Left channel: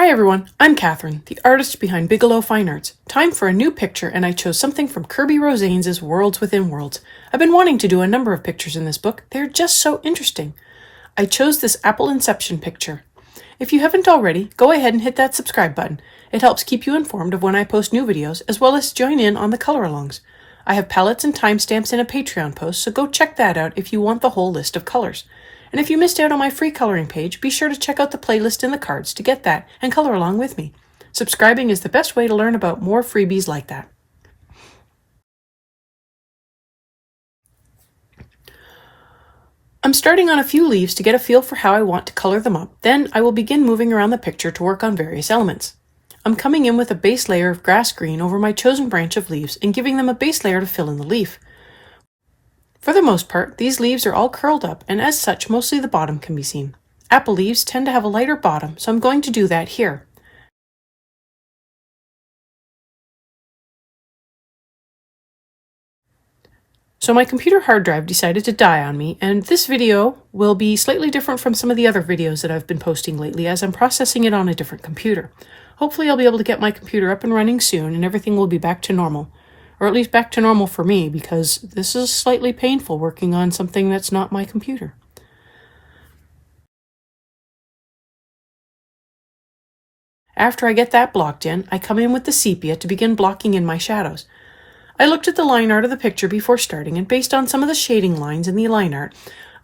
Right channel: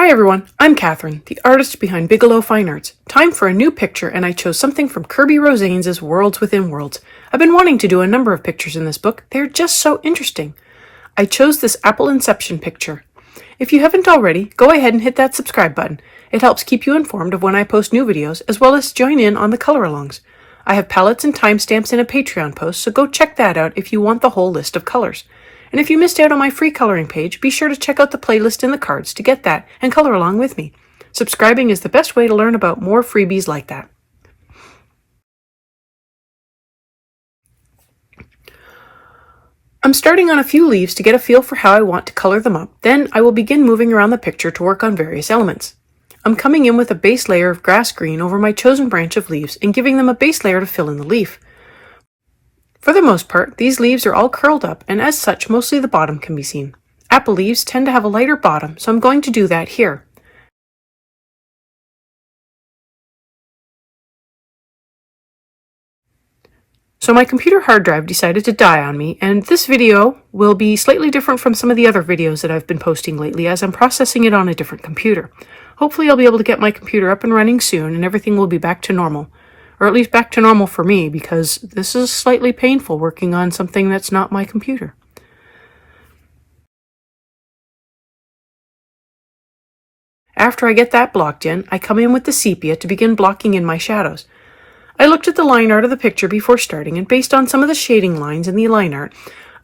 Hi everyone, I'm Catherine, the artist behind Bigelow Fine Arts. Time for a new picture, and I chose something from Kirby Rosanes' Worlds Within Worlds. I've been wanting to do a number of pictures in this book. They're just so interesting. I chose this Apple Inception picture. If you haven't already, go ahead and hit that subscribe button. It helps keep you informed of when I post new videos, as well as join in on the color-alongs. I have palettes and timestamps in a Patreon post, so go check that out if you want the whole list of colors. And if you missed out on my free coloring page, be sure to check out the playlist in the cards to get that and color along with me. Subscribing is the best way to learn about more freebies like that. I'm starting on a few leaves to get a feel for how I want to color them up. Then I will begin moving around the picture to work on various elements. I'm coming in with a base layer of grass green over my chosen branch of leaves and giving them a base layer to fill in the leaf. For the most part, these leaves are all curled up, and as such, mostly the bottom can be seen. Apple leaves tend to have a lighter bottom, so I'm going to do that here. So my computer hard drive decided to die on me, and this video will be slightly different from some of the other videos that I've been posting lately, as I'm processing it on a different computer. Hopefully I'll be able to get my computer up and running soon, and everything will be back to normal. Or at least back to normal for me, because this is slightly painful working on something that's not my computer. After I get that blocked in, I come in with the sepia to begin blocking in my shadows. I looked at the line art of the picture before starting, and based on some of the shading lines in the line art,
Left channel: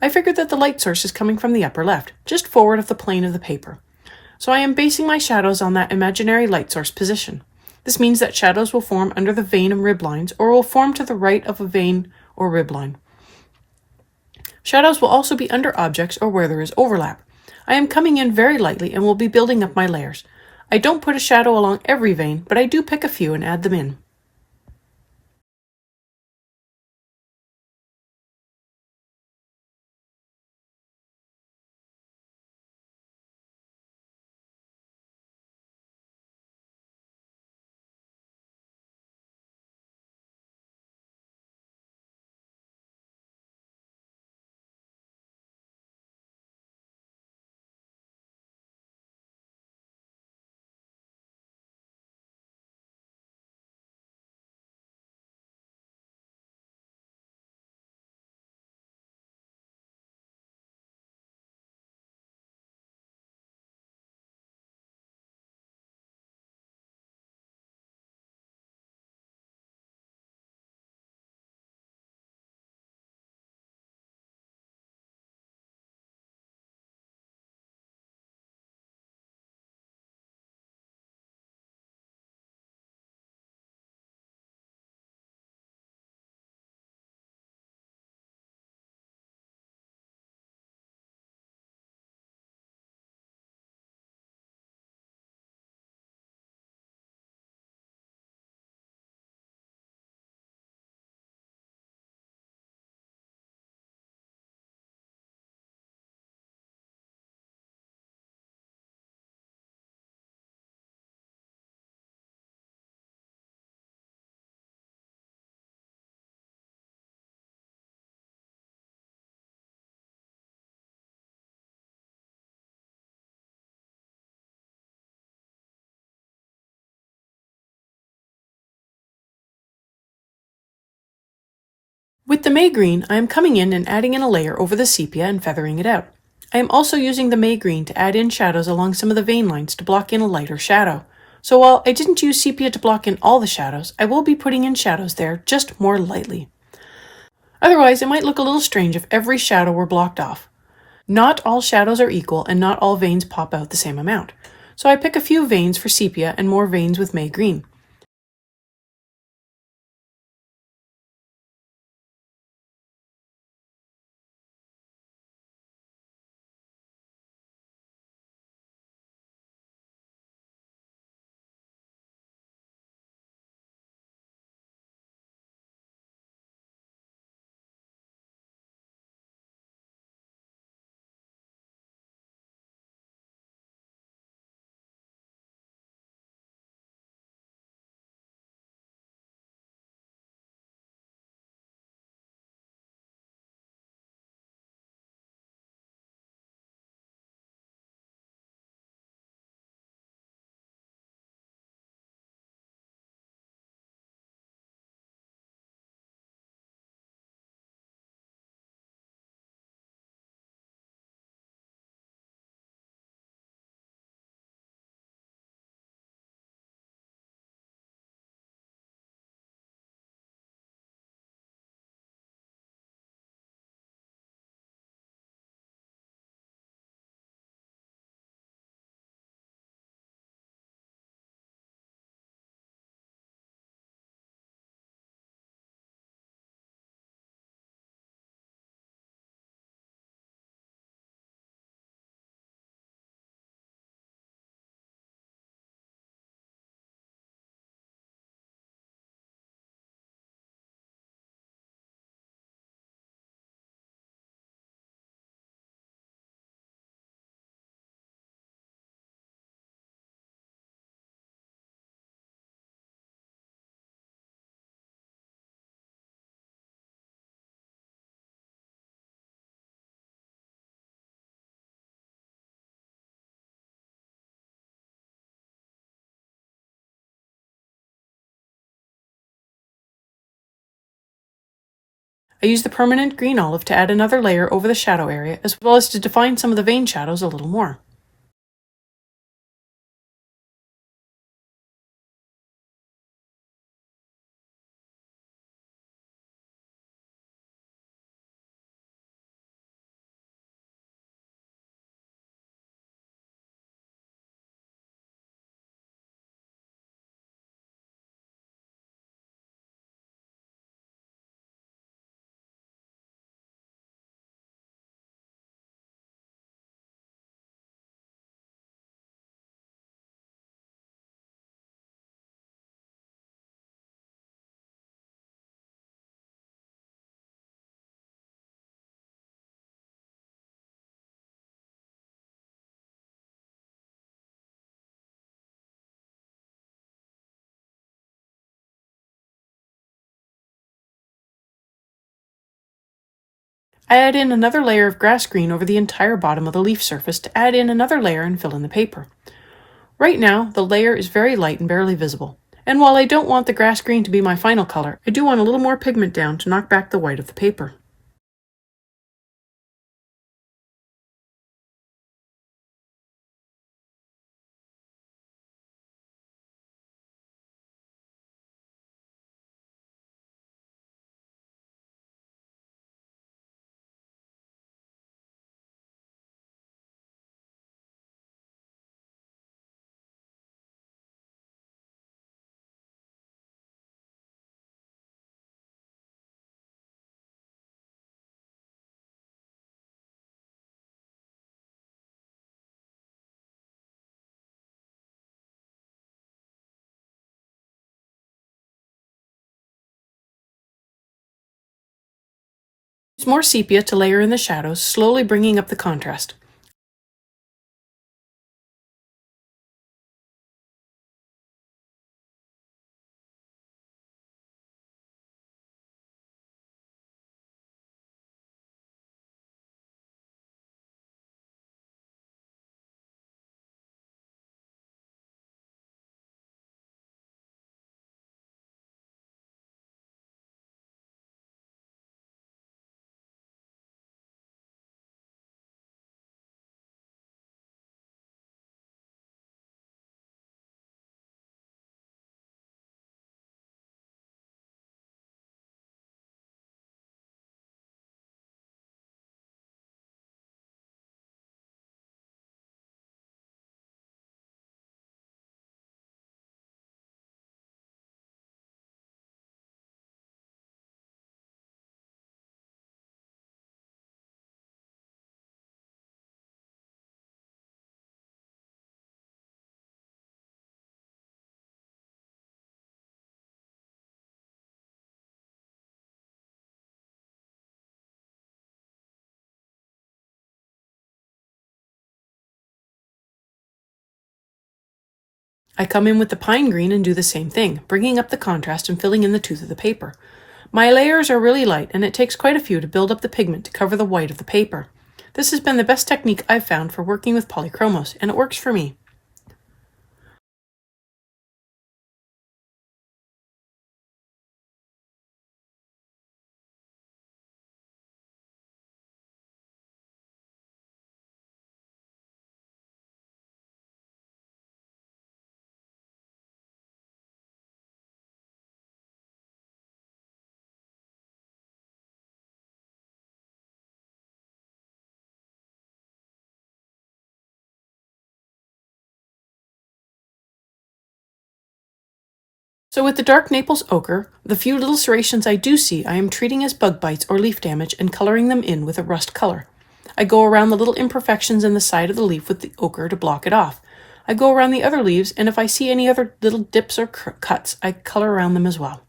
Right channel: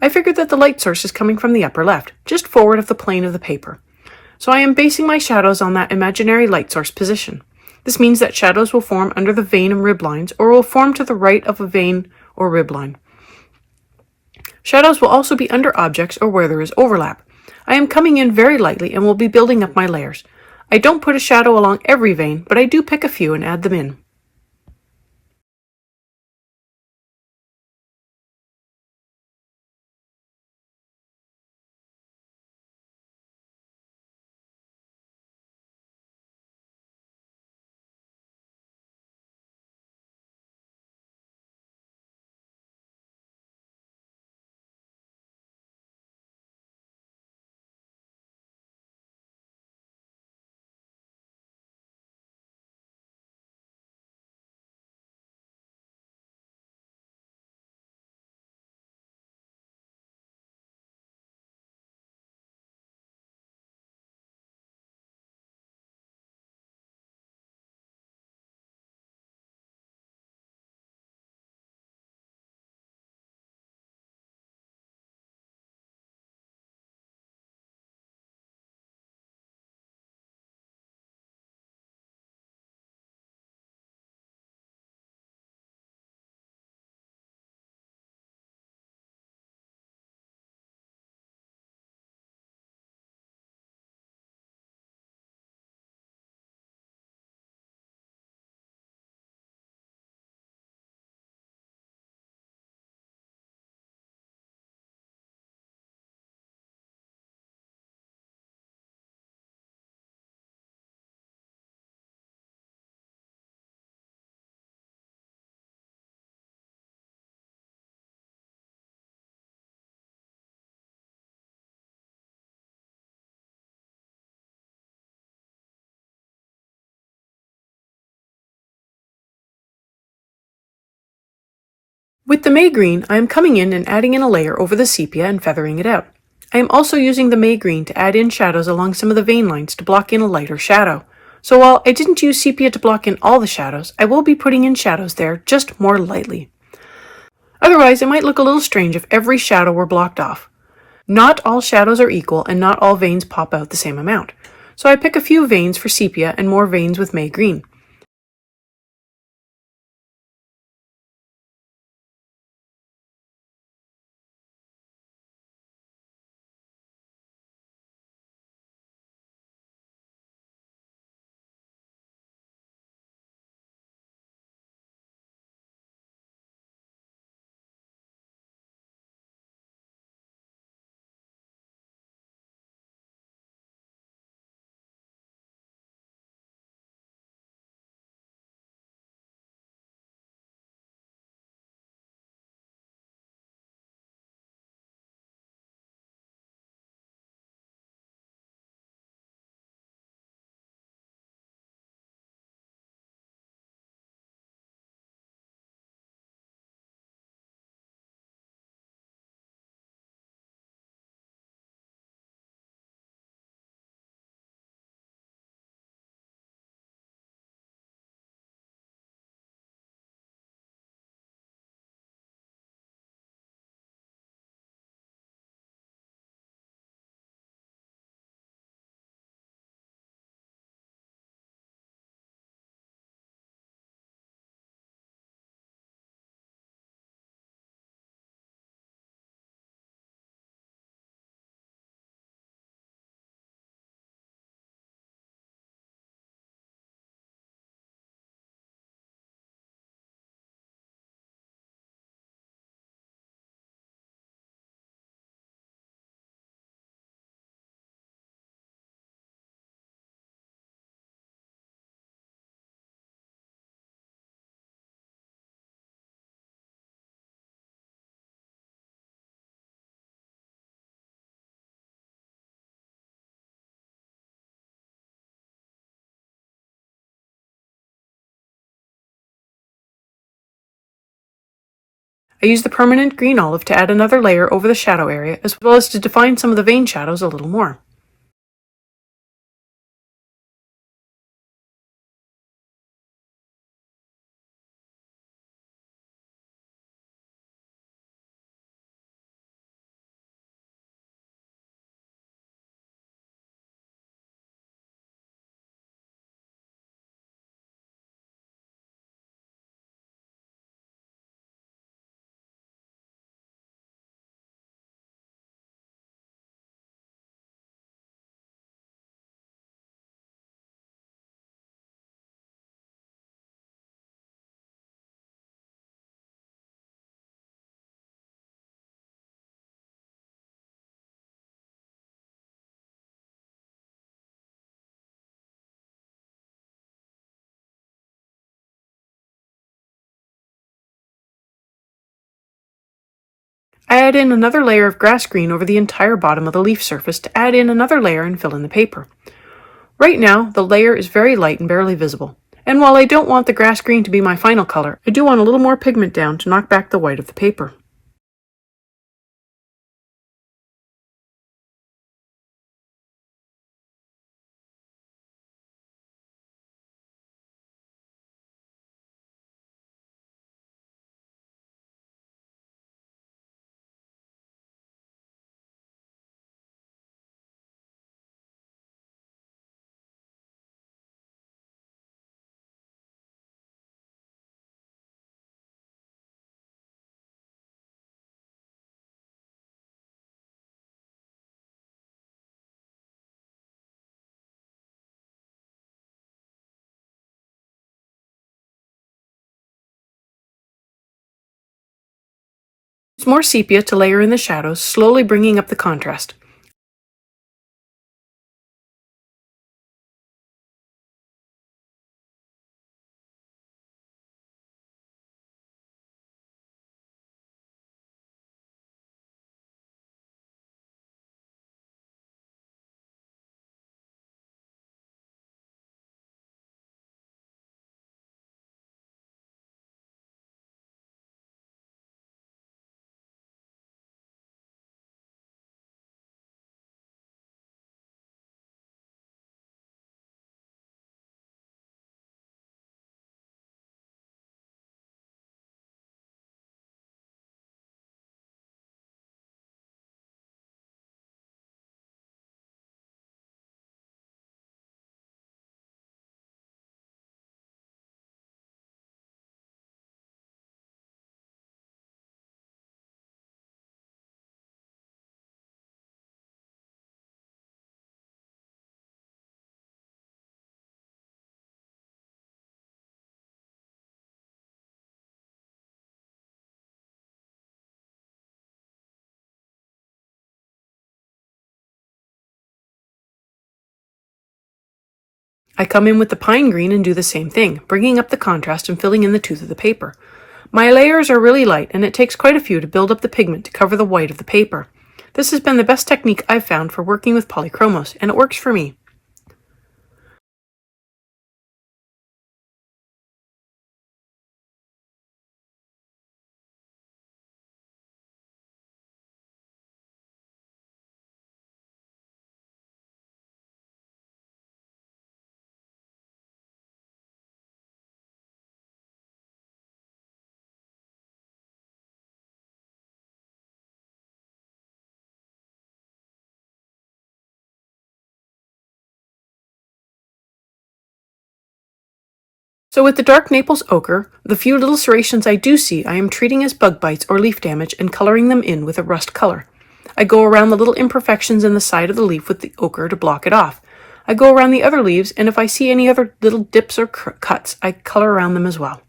I figured that the light source is coming from the upper left, just forward of the plane of the paper. So I am basing my shadows on that imaginary light source position. This means that shadows will form under the vein and rib lines, or will form to the right of a vein or rib line. Shadows will also be under objects or where there is overlap. I am coming in very lightly and will be building up my layers. I don't put a shadow along every vein, but I do pick a few and add them in. With the May green, I am coming in and adding in a layer over the sepia and feathering it out. I am also using the May green to add in shadows along some of the vein lines to block in a lighter shadow. So while I didn't use sepia to block in all the shadows, I will be putting in shadows there, just more lightly. Otherwise, it might look a little strange if every shadow were blocked off. Not all shadows are equal, and not all veins pop out the same amount. So I pick a few veins for sepia and more veins with May green. I use the permanent green olive to add another layer over the shadow area, as well as to define some of the vein shadows a little more. I add in another layer of grass green over the entire bottom of the leaf surface to add in another layer and fill in the paper. Right now, the layer is very light and barely visible. And while I don't want the grass green to be my final color, I do want a little more pigment down to knock back the white of the paper. It's more sepia to layer in the shadows, slowly bringing up the contrast. I come in with the pine green and do the same thing, bringing up the contrast and filling in the tooth of the paper. My layers are really light, and it takes quite a few to build up the pigment to cover the white of the paper. This has been the best technique I've found for working with polychromos, and it works for me. So with the dark Naples ochre, the few little serrations I do see I am treating as bug bites or leaf damage and coloring them in with a rust color. I go around the little imperfections in the side of the leaf with the ochre to block it off. I go around the other leaves, and if I see any other little dips or cuts, I color around them as well.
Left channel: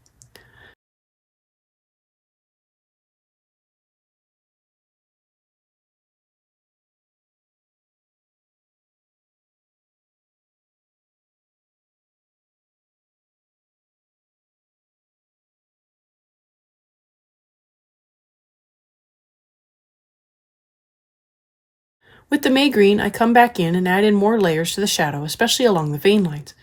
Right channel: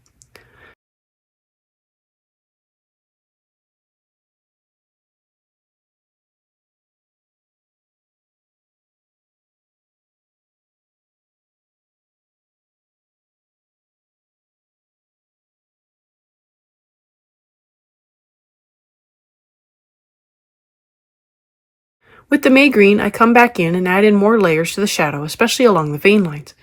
With the May green, I come back in and add in more layers to the shadow, especially along the vein lines.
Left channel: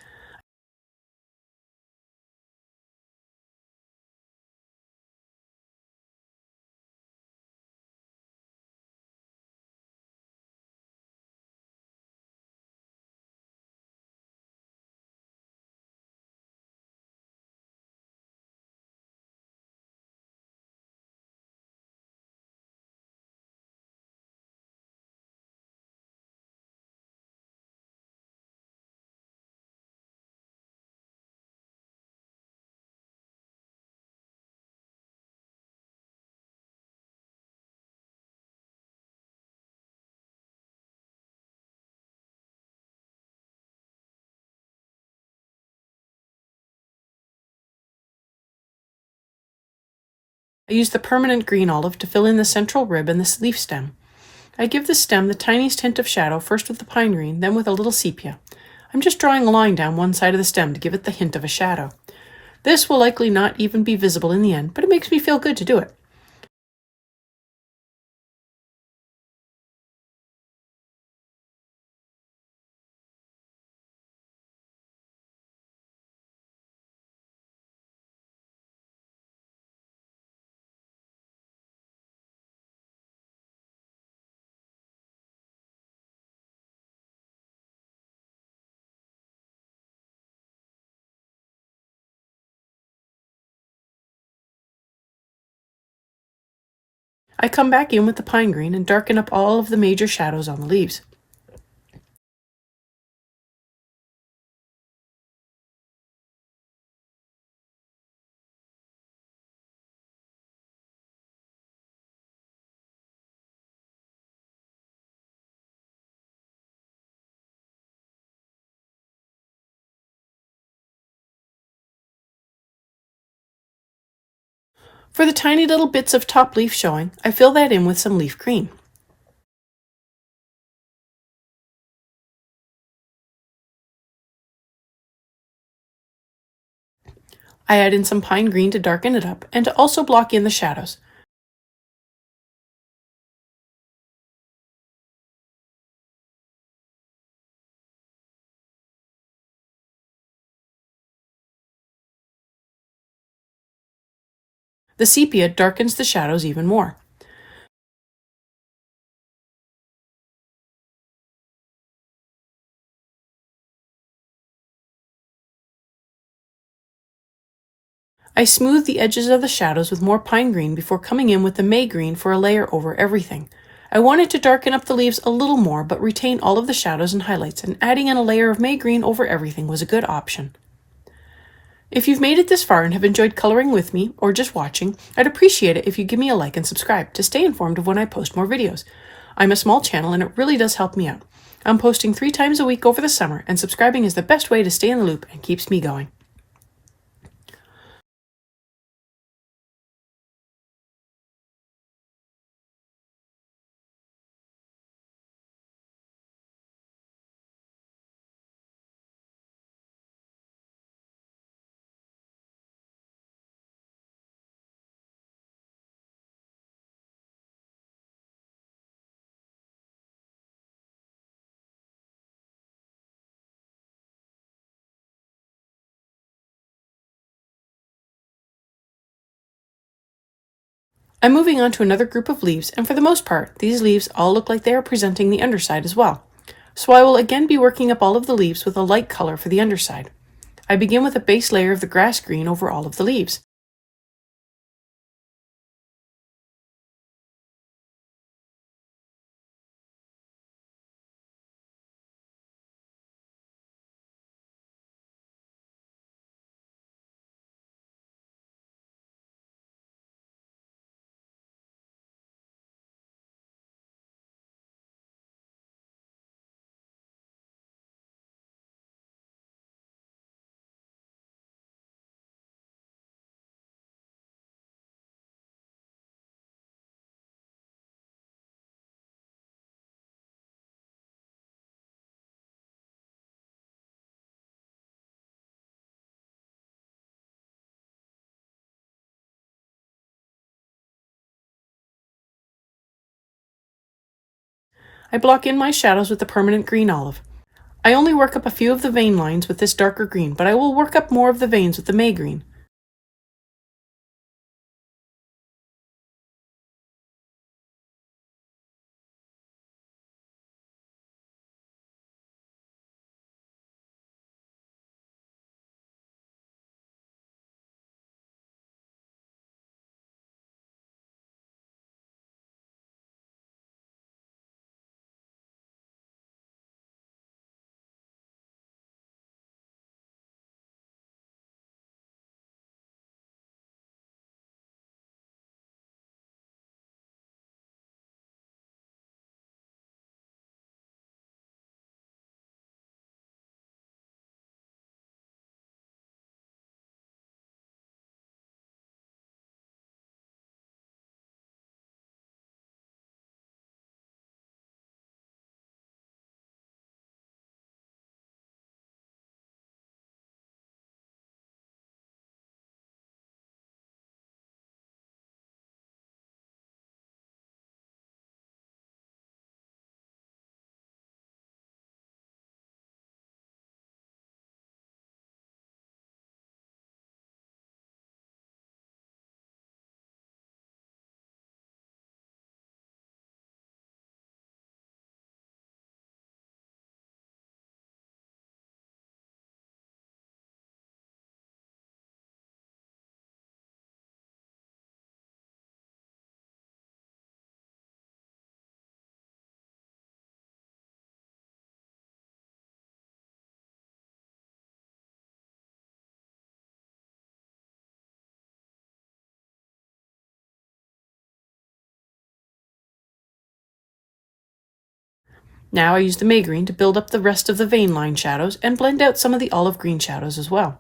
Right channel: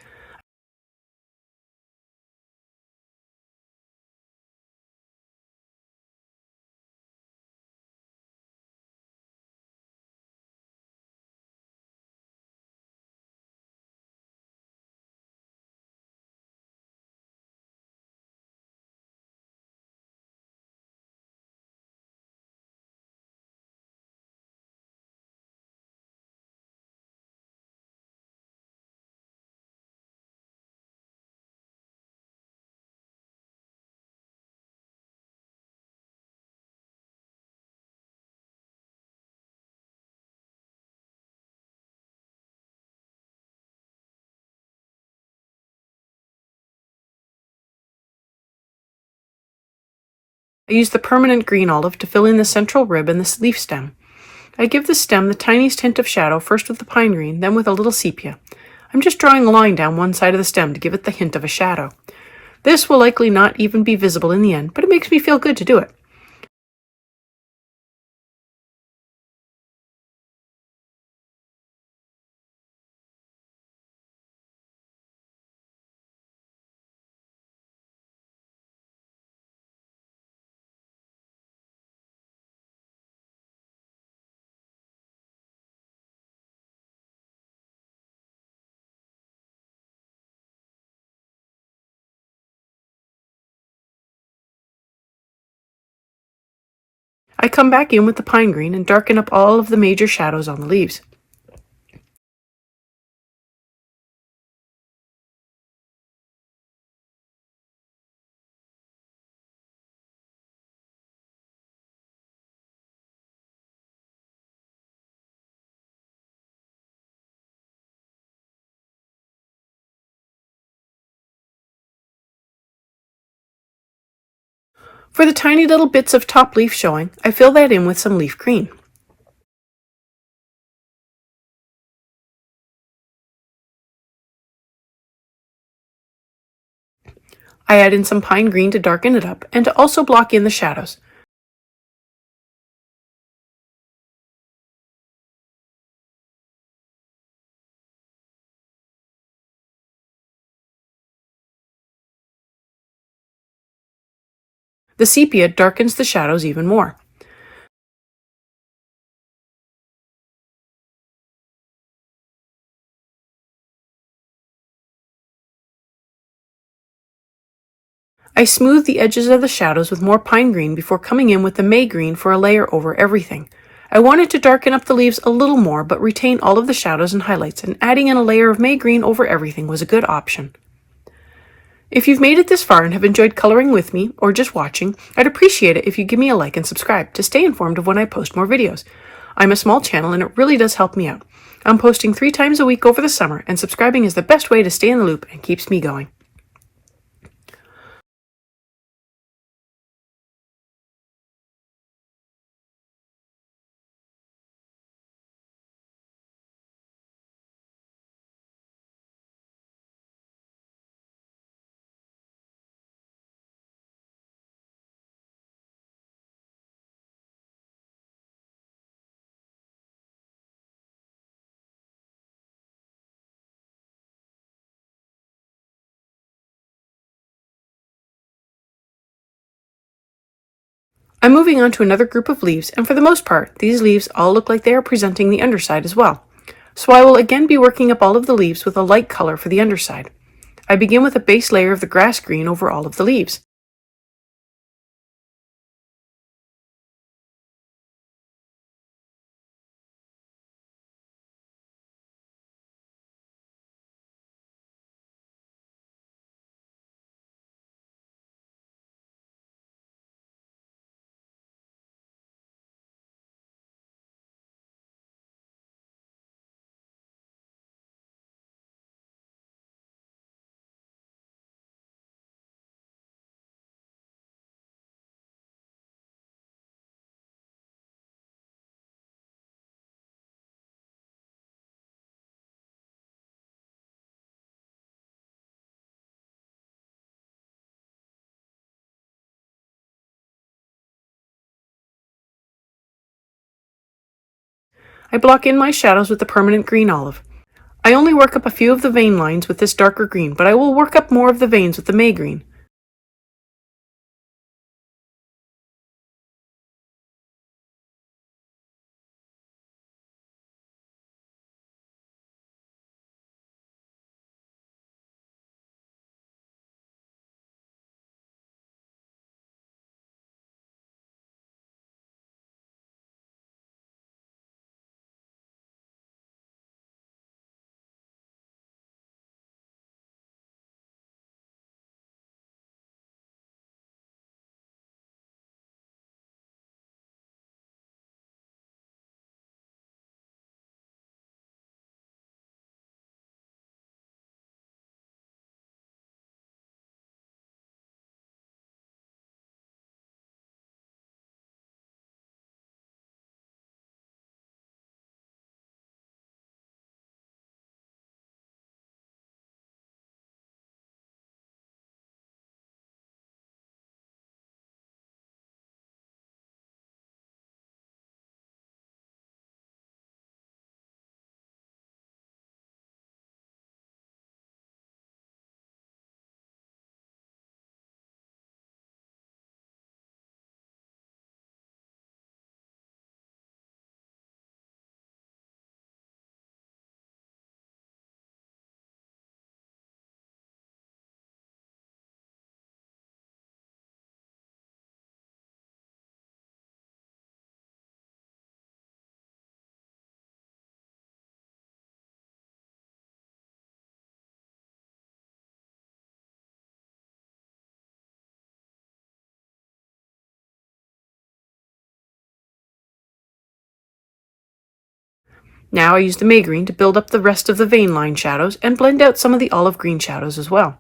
I use the permanent green olive to fill in the central rib and the leaf stem. I give the stem the tiniest hint of shadow, first with the pine green, then with a little sepia. I'm just drawing a line down one side of the stem to give it the hint of a shadow. This will likely not even be visible in the end, but it makes me feel good to do it. I come back in with the pine green and darken up all of the major shadows on the leaves. For the tiny little bits of top leaf showing, I fill that in with some leaf green. I add in some pine green to darken it up and to also block in the shadows. The sepia darkens the shadows even more. I smooth the edges of the shadows with more pine green before coming in with the may green for a layer over everything. I wanted to darken up the leaves a little more but retain all of the shadows and highlights, and adding in a layer of may green over everything was a good option. If you've made it this far and have enjoyed coloring with me or just watching, I'd appreciate it if you give me a like and subscribe to stay informed of when I post more videos. I'm a small channel and it really does help me out. I'm posting 3 times a week over the summer, and subscribing is the best way to stay in the loop and keeps me going. I'm moving on to another group of leaves, and for the most part, these leaves all look like they are presenting the underside as well. So I will again be working up all of the leaves with a light color for the underside. I begin with a base layer of the grass green over all of the leaves. I block in my shadows with the permanent green olive. I only work up a few of the vein lines with this darker green, but I will work up more of the veins with the may green. Now I use the May-green to build up the rest of the vein line shadows and blend out some of the olive green shadows as well.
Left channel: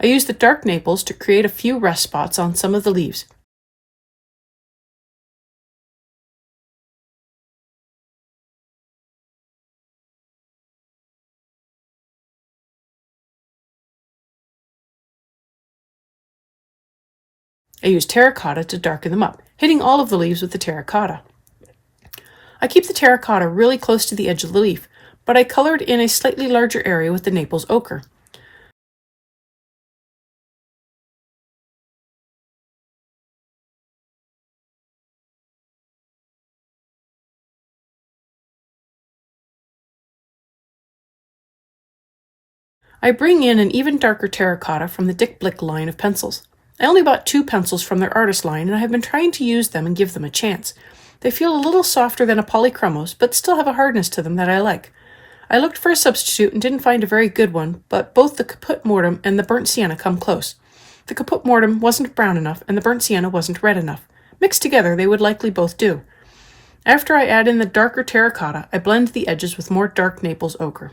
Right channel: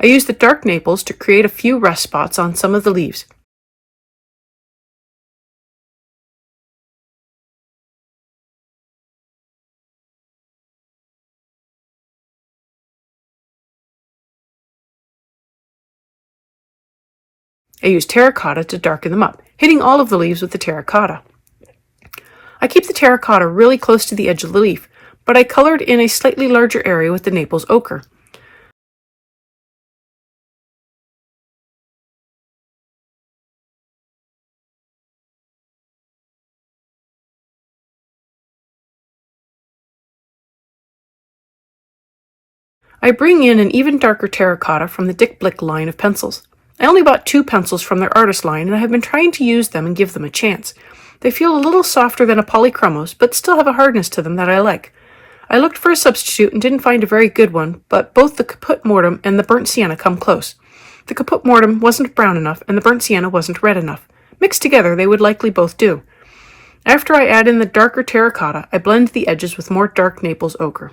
I use the dark maples to create a few rust spots on some of the leaves. I use terracotta to darken them up, hitting all of the leaves with the terracotta. I keep the terracotta really close to the edge of the leaf, but I colored in a slightly larger area with the Naples ochre. I bring in an even darker terracotta from the Dick Blick line of pencils. I only bought 2 pencils from their artist line, and I have been trying to use them and give them a chance. They feel a little softer than a polychromos, but still have a hardness to them that I like. I looked for a substitute and didn't find a very good one, but both the Caput Mortem and the Burnt Sienna come close. The Caput Mortem wasn't brown enough, and the Burnt Sienna wasn't red enough. Mixed together, they would likely both do. After I add in the darker terracotta, I blend the edges with more dark Naples ochre.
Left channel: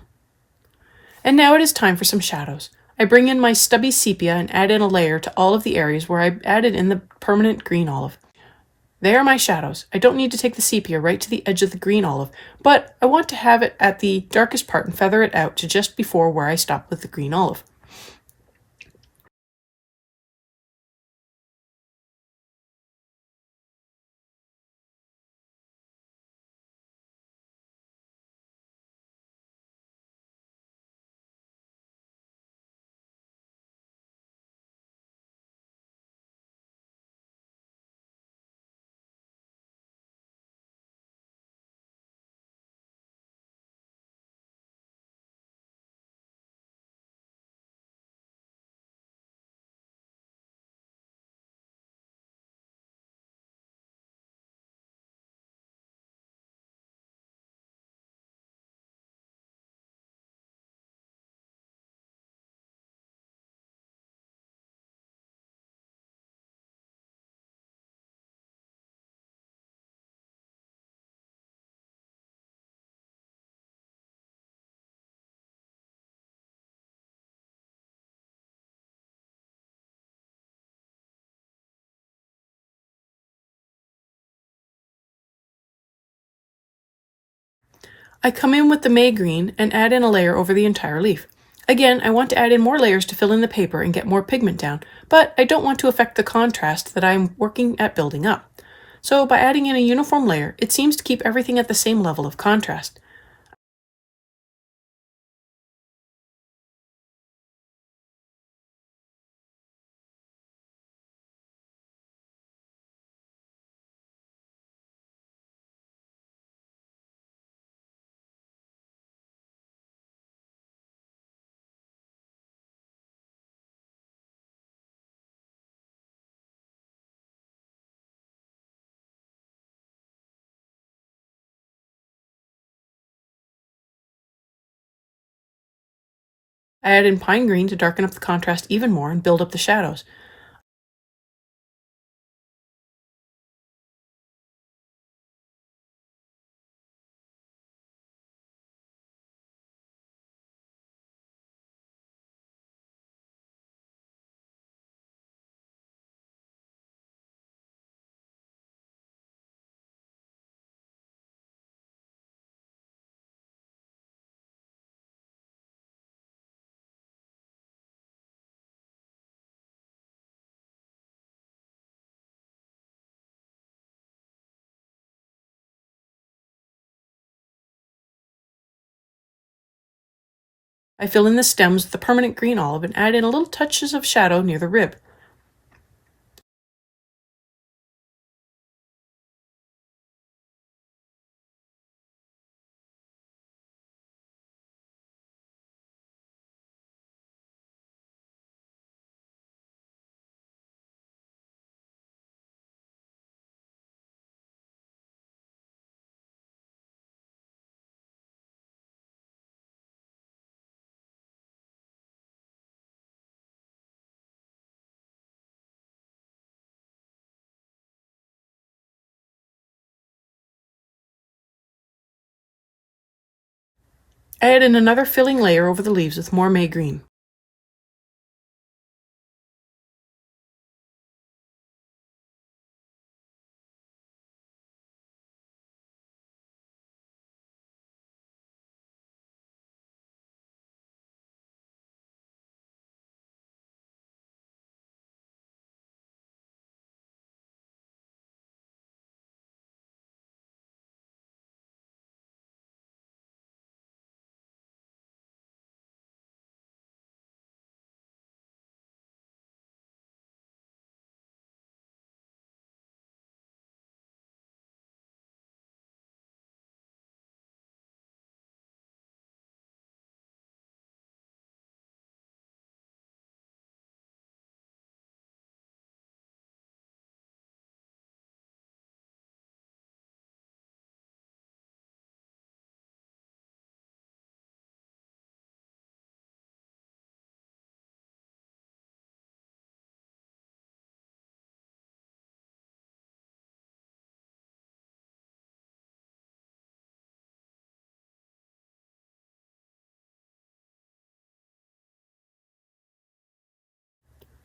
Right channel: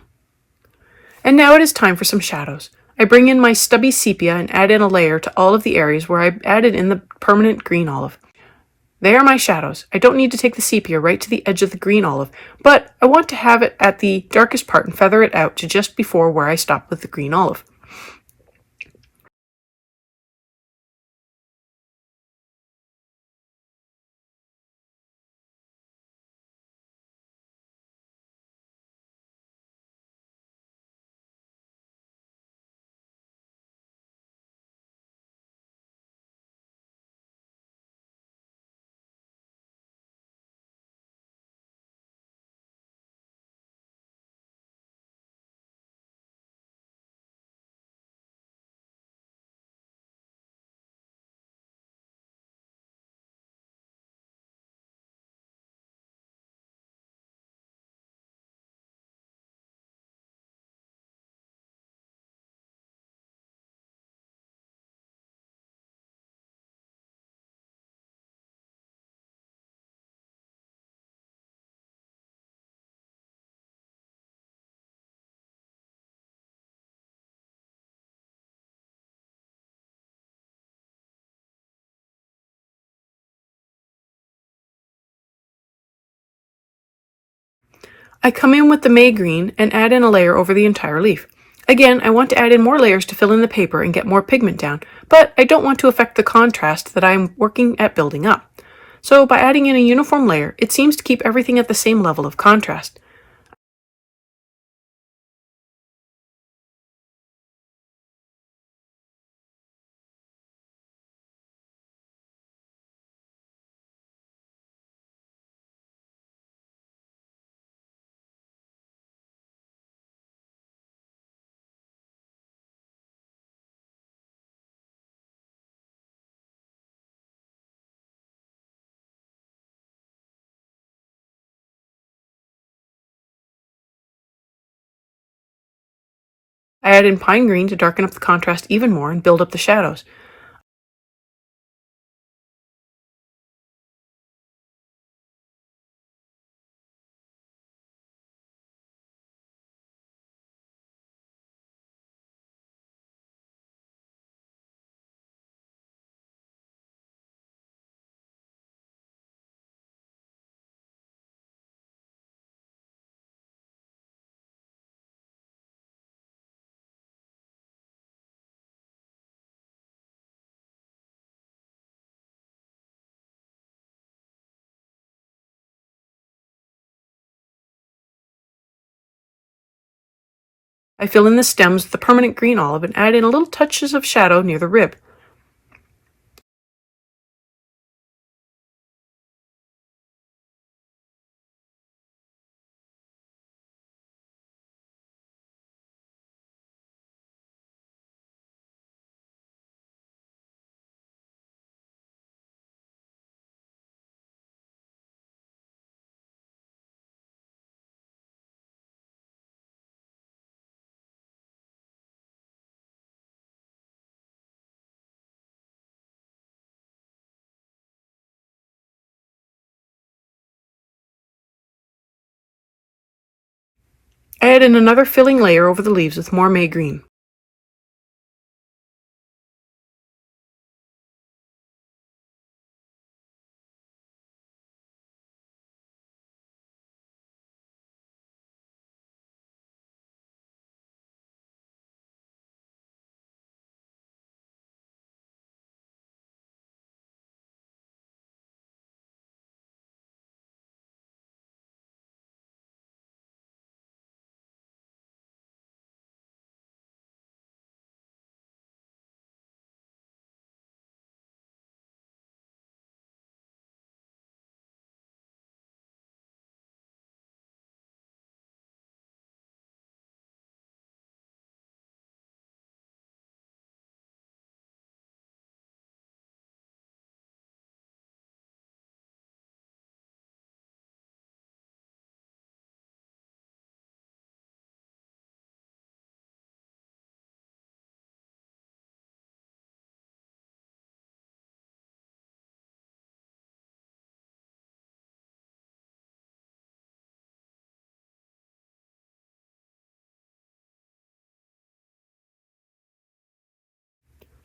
And now it is time for some shadows. I bring in my stubby sepia and add in a layer to all of the areas where I added in the permanent green olive. They are my shadows. I don't need to take the sepia right to the edge of the green olive, but I want to have it at the darkest part and feather it out to just before where I stopped with the green olive. I come in with the May green and add in a layer over the entire leaf. Again, I want to add in more layers to fill in the paper and get more pigment down, but I don't want to affect the contrast that I'm working at building up. So by adding in a uniform layer, it seems to keep everything at the same level of contrast. I add in pine green to darken up the contrast even more and build up the shadows. I fill in the stems with the permanent green olive and add in a little touches of shadow near the rib. I add in another filling layer over the leaves with more May green.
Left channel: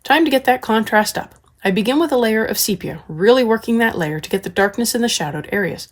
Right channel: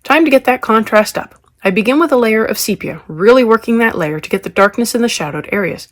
Time to get that contrast up. I begin with a layer of sepia, really working that layer to get the darkness in the shadowed areas.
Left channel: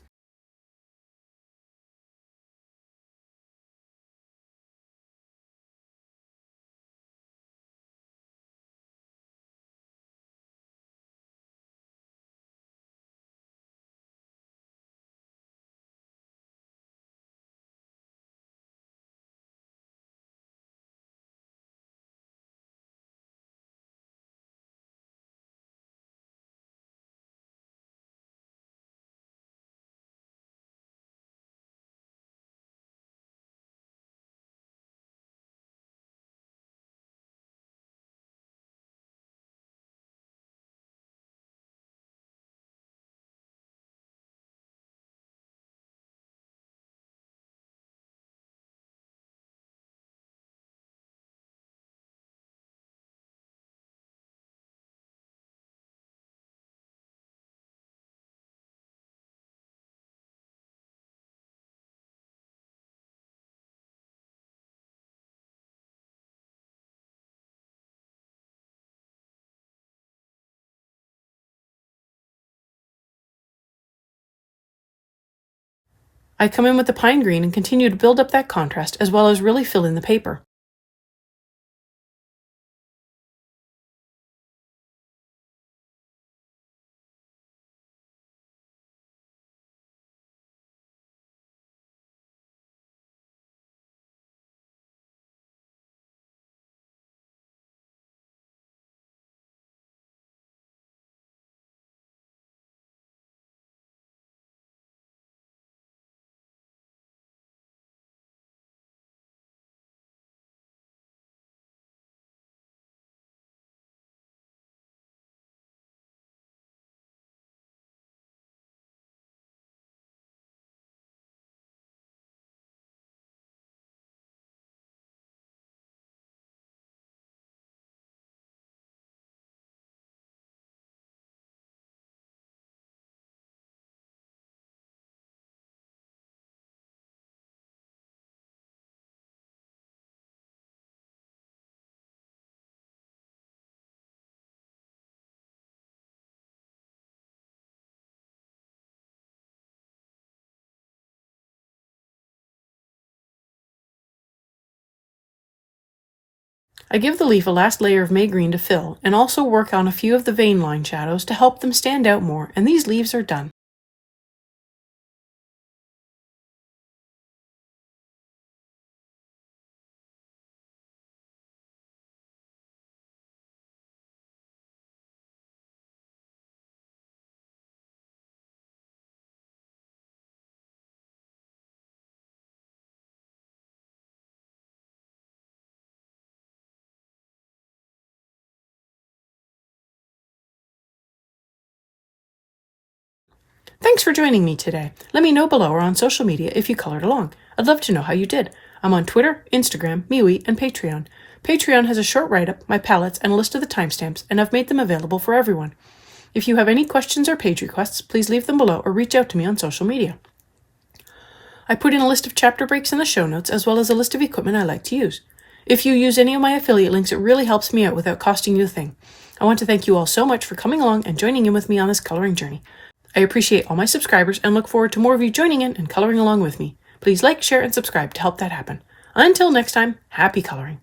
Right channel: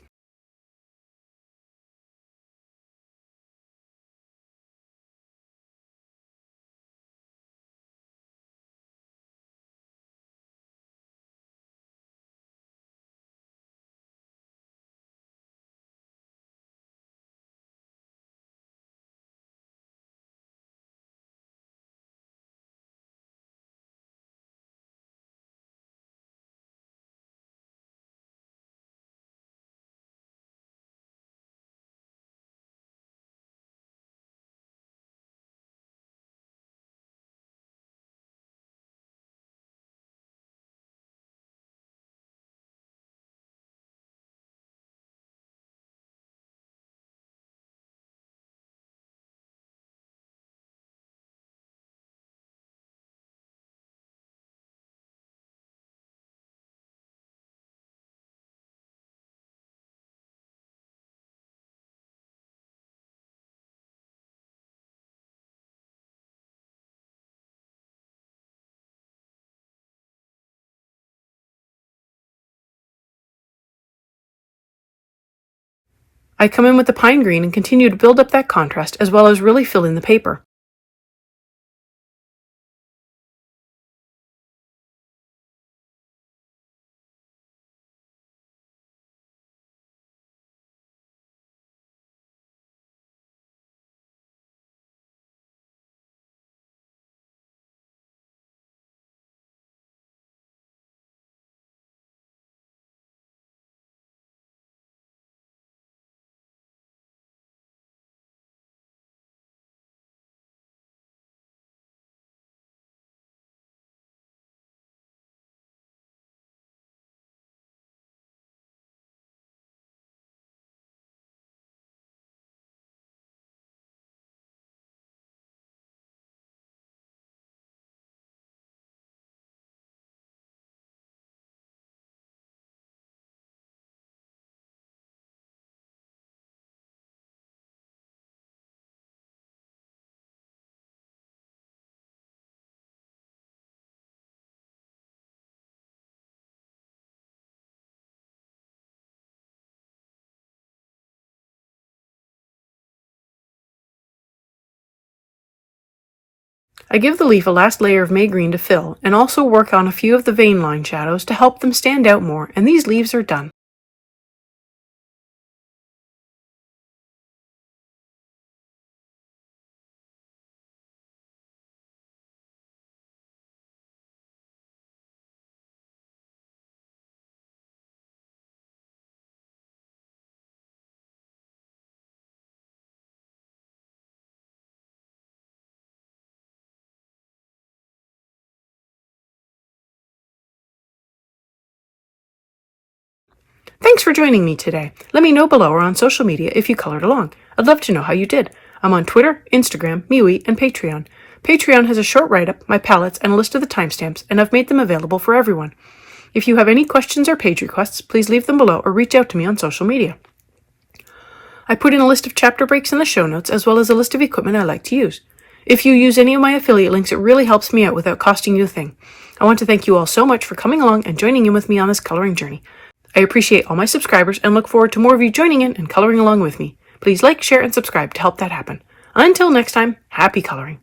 I come in with the pine green and continue to build up that contrast as well as really fill in the paper. I give the leaf a last layer of May green to fill and also work on a few of the vein line shadows to help them stand out more, and these leaves are done. Thanks for joining me today. Let me know below or on social media if you colored along. I'd love to know how you did. I'm on Twitter, Instagram, MeWe, and Patreon. Patreon has a short write-up, my palettes, and a list of the timestamps, and I've made them available for everyone. If you have any questions or page requests, please leave them below or reach out to me on social media. I put in a list of chapter breaks in the show notes, as well as a list of equipment I like to use. If you use any of my affiliate links, it really helps me out without costing you a thing. I want to thank you all so much for coming along and joining in with me on this coloring journey. I appreciate all my subscribers and look forward to more of you joining in and coloring along with me. Please like, share, and subscribe to help that happen. Until next time, happy coloring.